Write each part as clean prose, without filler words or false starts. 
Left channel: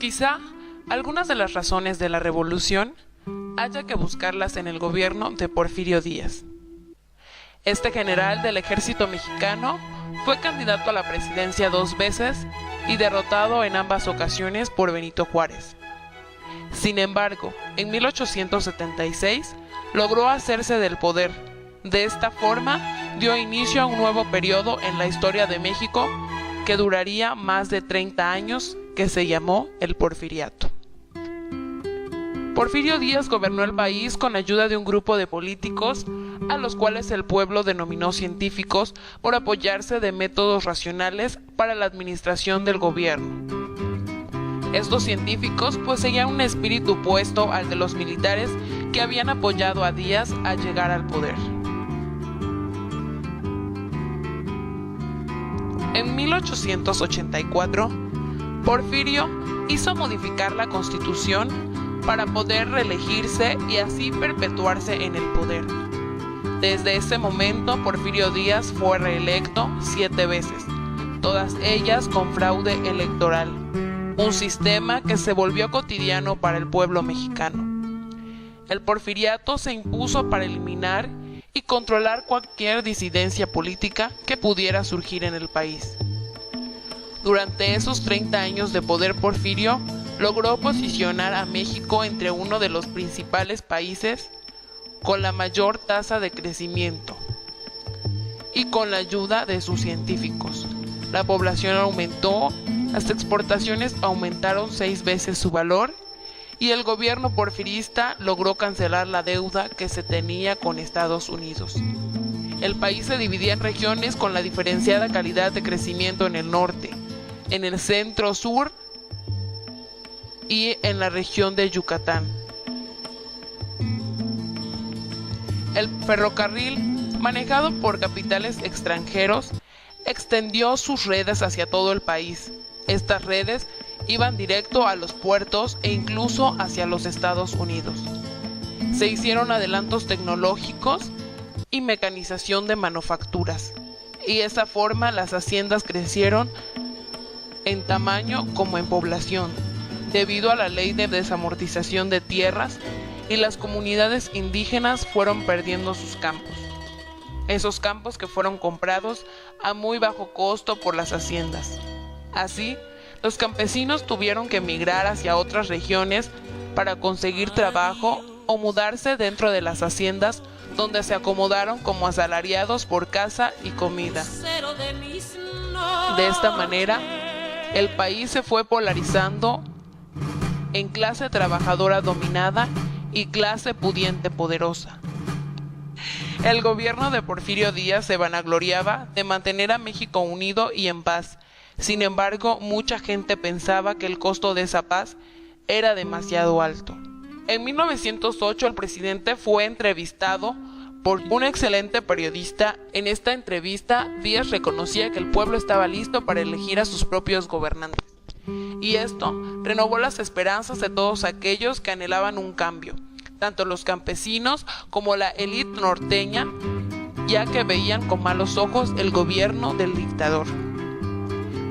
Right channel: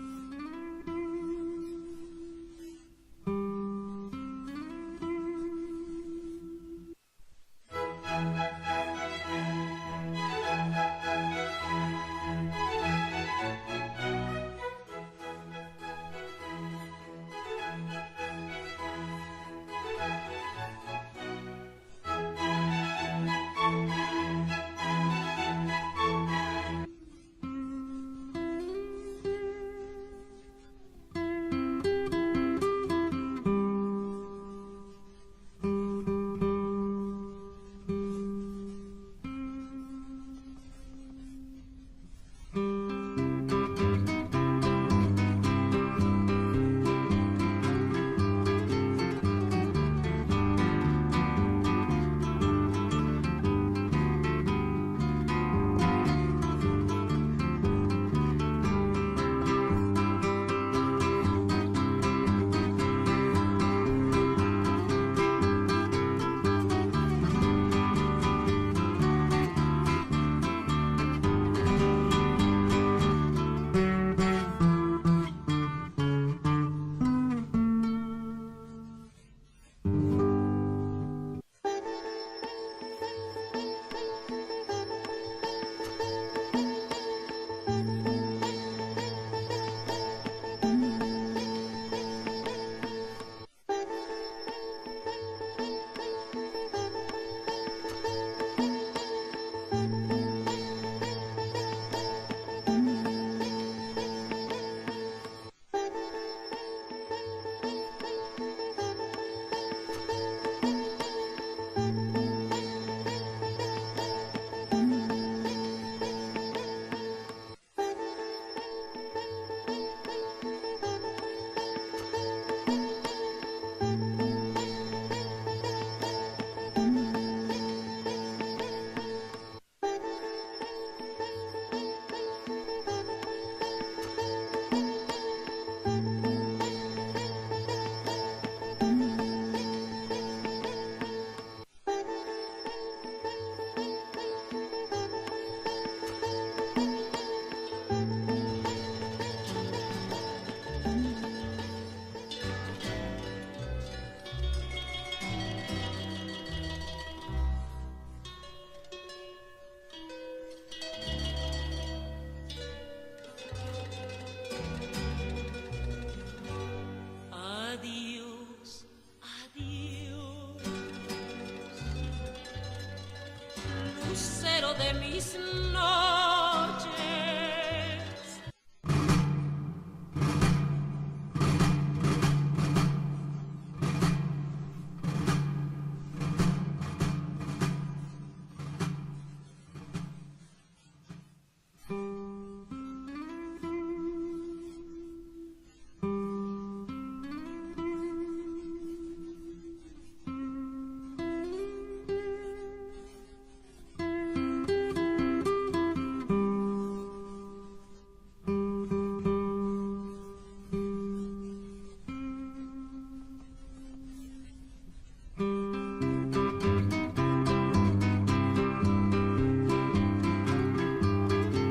Quizá algunas de las razones de la revolución haya que buscarlas en el gobierno de Porfirio Díaz. Este general del ejército mexicano fue candidato a la presidencia 2 veces y derrotado en ambas ocasiones por Benito Juárez. Sin embargo, en 1876 logró hacerse del poder. De esta forma, dio inicio a un nuevo periodo en la historia de México que duraría más de 30 años, que se llamó el Porfiriato. Porfirio Díaz gobernó el país con ayuda de un grupo de políticos a los cuales el pueblo denominó científicos por apoyarse de métodos racionales para la administración del gobierno. Estos científicos poseían un espíritu opuesto al de los militares que habían apoyado a Díaz al llegar al poder. En 1884, Porfirio hizo modificar la Constitución para poder reelegirse y así perpetuarse en el poder. Desde ese momento, Porfirio Díaz fue reelecto 7 veces, todas ellas con fraude electoral, un sistema que se volvió cotidiano para el pueblo mexicano. El porfiriato se impuso para eliminar y controlar cualquier disidencia política que pudiera surgir en el país. Durante esos 30 años de poder, Porfirio logró posicionar a México entre uno de los principales países con la mayor tasa de crecimiento y con la ayuda de sus científicos. La población aumentó, las exportaciones aumentaron 6 veces su valor y el gobierno porfirista logró cancelar la deuda que se tenía con Estados Unidos. El país se dividía en regiones con la diferenciada calidad de crecimiento en el norte, en el centro-sur y en la región de Yucatán. El ferrocarril, manejado por capitales extranjeros, extendió sus redes hacia todo el país. Estas redes iban directo a los puertos e incluso hacia los Estados Unidos. Se hicieron adelantos tecnológicos y mecanización de manufacturas, y de esa forma las haciendas crecieron en tamaño como en población, debido a la ley de desamortización de tierras, y las comunidades indígenas fueron perdiendo sus campos. Esos campos que fueron comprados a muy bajo costo por las haciendas. Así, los campesinos tuvieron que emigrar hacia otras regiones para conseguir trabajo o mudarse dentro de las haciendas, donde se acomodaron como asalariados por casa y comida. De esta manera, el país se fue polarizando en clase trabajadora dominada y clase pudiente poderosa. El gobierno de Porfirio Díaz se vanagloriaba de mantener a México unido y en paz. Sin embargo, mucha gente pensaba que el costo de esa paz era demasiado alto. En 1908 el presidente fue entrevistado por un excelente periodista. En esta entrevista, Díaz reconocía que el pueblo estaba listo para elegir a sus propios gobernantes. Y esto renovó las esperanzas de todos aquellos que anhelaban un cambio, tanto los campesinos como la élite norteña, ya que veían con malos ojos el gobierno del dictador.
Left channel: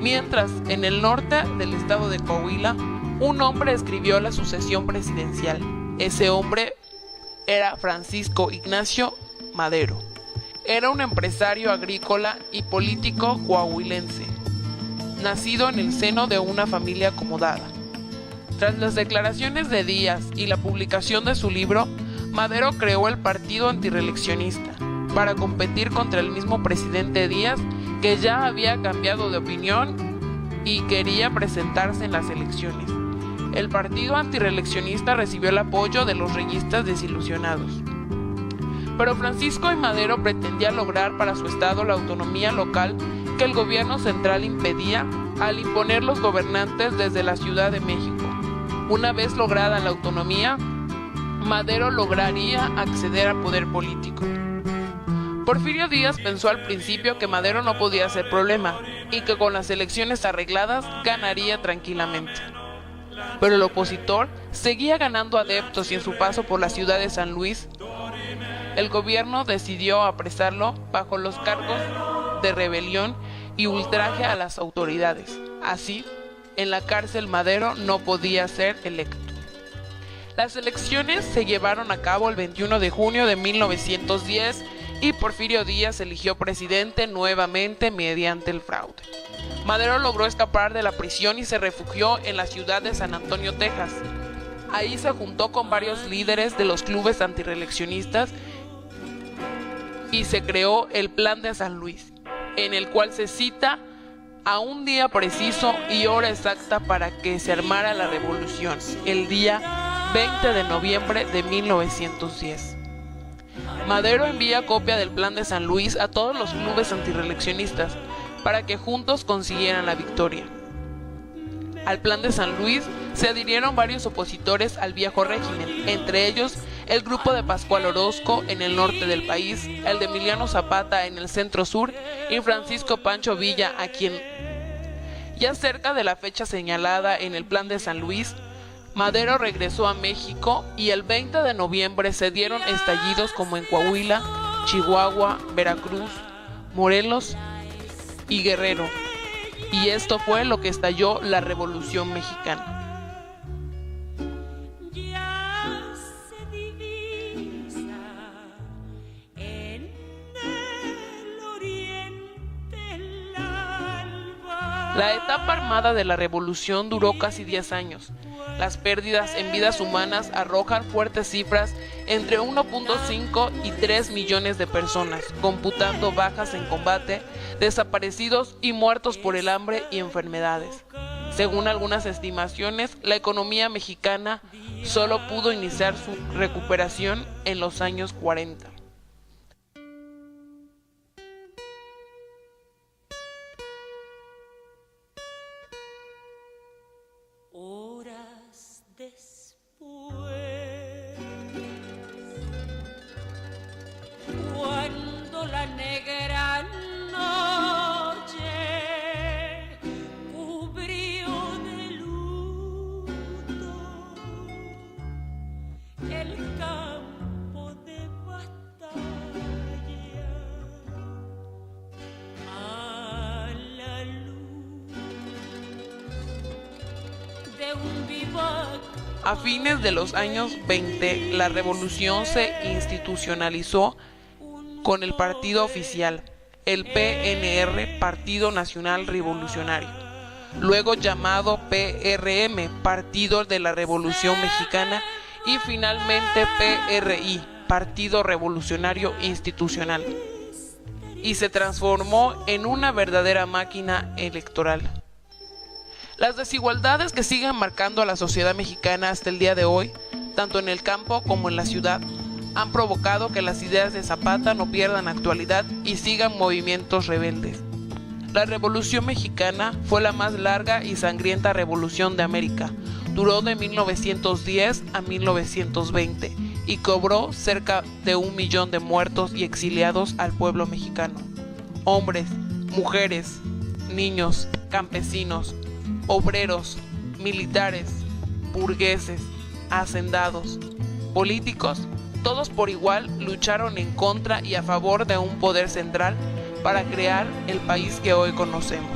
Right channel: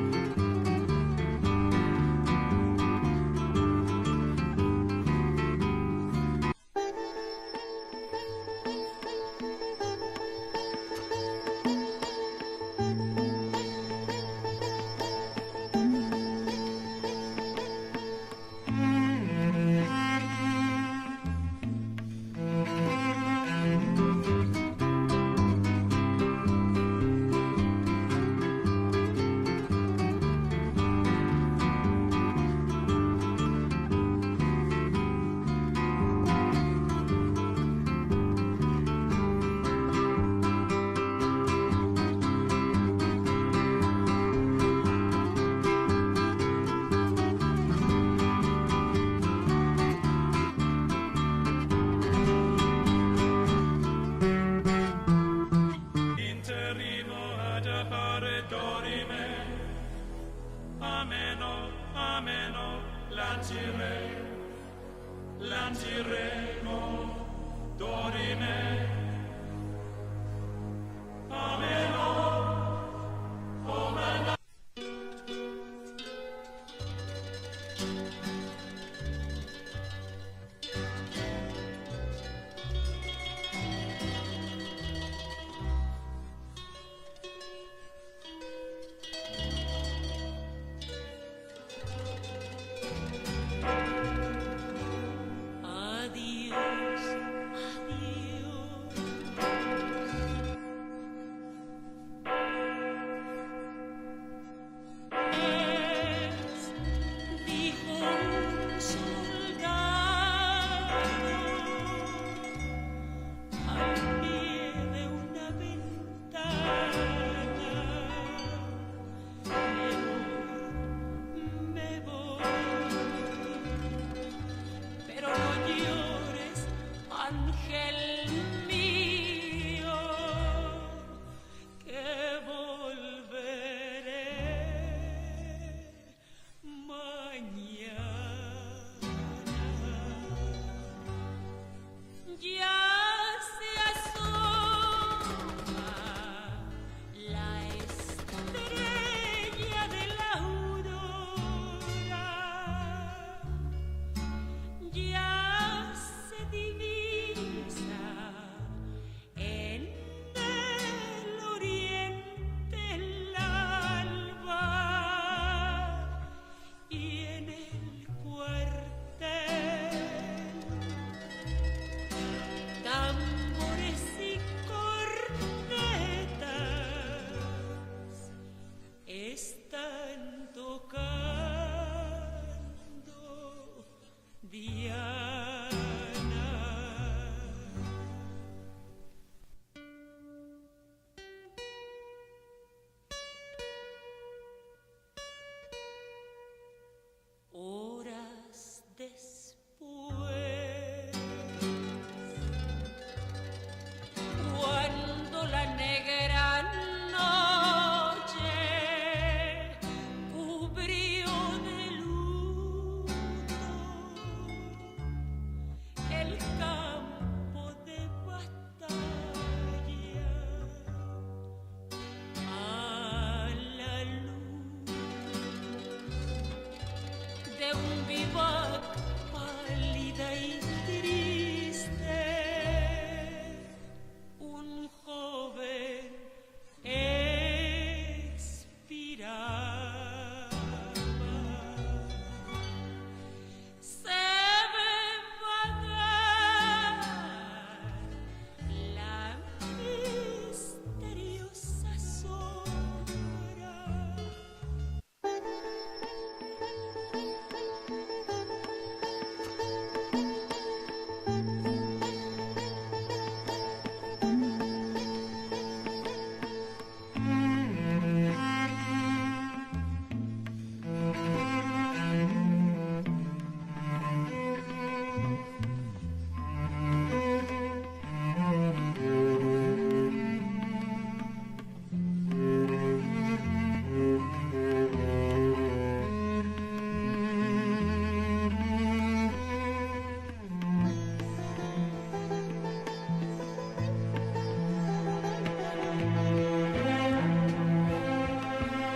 Mientras, en el norte del estado de Coahuila, un hombre escribió la sucesión presidencial. Ese hombre era Francisco Ignacio Madero. Era un empresario agrícola y político coahuilense, nacido en el seno de una familia acomodada. Tras las declaraciones de Díaz y la publicación de su libro, Madero creó el Partido Antirreeleccionista para competir contra el mismo presidente Díaz, que ya había cambiado de opinión y quería presentarse en las elecciones. El Partido Antirreeleccionista recibió el apoyo de los reyistas desilusionados. Pero Francisco y Madero pretendía lograr para su estado la autonomía local que el gobierno central impedía al imponer los gobernantes desde la Ciudad de México. Una vez lograda la autonomía, Madero lograría acceder al poder político. Porfirio Díaz pensó al principio que Madero no podía ser problema y que con las elecciones arregladas ganaría tranquilamente. Pero el opositor seguía ganando adeptos y en su paso por la ciudad de San Luis, el gobierno decidió apresarlo bajo los cargos de rebelión y ultraje a las autoridades. Así, En la cárcel Madero no podía ser electo. Las elecciones se llevaron a cabo el 21 de junio de 1910 y Porfirio Díaz eligió presidente nuevamente mediante el fraude. Madero logró escapar de la prisión y se refugió en la ciudad de San Antonio, Texas. Ahí se juntó con varios líderes de los clubes antireeleccionistas y se creó el Plan de San Luis, en el cual se cita a un día preciso y hora exacta para que se armara la revolución, el día 20 de noviembre de 1910. Madero envía copia del Plan de San Luis a todos los clubes antireeleccionistas para que juntos consiguieran la victoria. Al Plan de San Luis se adhirieron varios opositores al viejo régimen, entre ellos el grupo de Pascual Orozco en el norte del país, el de Emiliano Zapata en el centro sur y Francisco Pancho Villa, a quien, ya cerca de la fecha señalada en el Plan de San Luis, Madero regresó a México y el 20 de noviembre se dieron estallidos como en Coahuila, Chihuahua, Veracruz, Morelos y Guerrero. Y esto fue lo que estalló la Revolución Mexicana. La etapa armada de la revolución duró casi 10 años. Las pérdidas en vidas humanas arrojan fuertes cifras entre 1.5 y 3 millones de personas, computando bajas en combate, desaparecidos y muertos por el hambre y enfermedades. Según algunas estimaciones, la economía mexicana solo pudo iniciar su recuperación en los años 40. Horas después, cuando la negra noche cubrió de luto el campo de batalla, a la luz de un vivac. A fines de los años 20, la revolución se institucionalizó con el partido oficial, el PNR, Partido Nacional Revolucionario, luego llamado PRM, Partido de la Revolución Mexicana, y finalmente PRI, Partido Revolucionario Institucional, y se transformó en una verdadera máquina electoral. Las desigualdades que siguen marcando a la sociedad mexicana hasta el día de hoy, tanto en el campo como en la ciudad, han provocado que las ideas de Zapata no pierdan actualidad y sigan movimientos rebeldes. La Revolución Mexicana fue la más larga y sangrienta revolución de América. Duró de 1910 a 1920 y cobró cerca de 1 millón de muertos y exiliados al pueblo mexicano. Hombres, mujeres, niños, campesinos, obreros, militares, burgueses, hacendados, políticos, todos por igual lucharon en contra y a favor de un poder central para crear el país que hoy conocemos.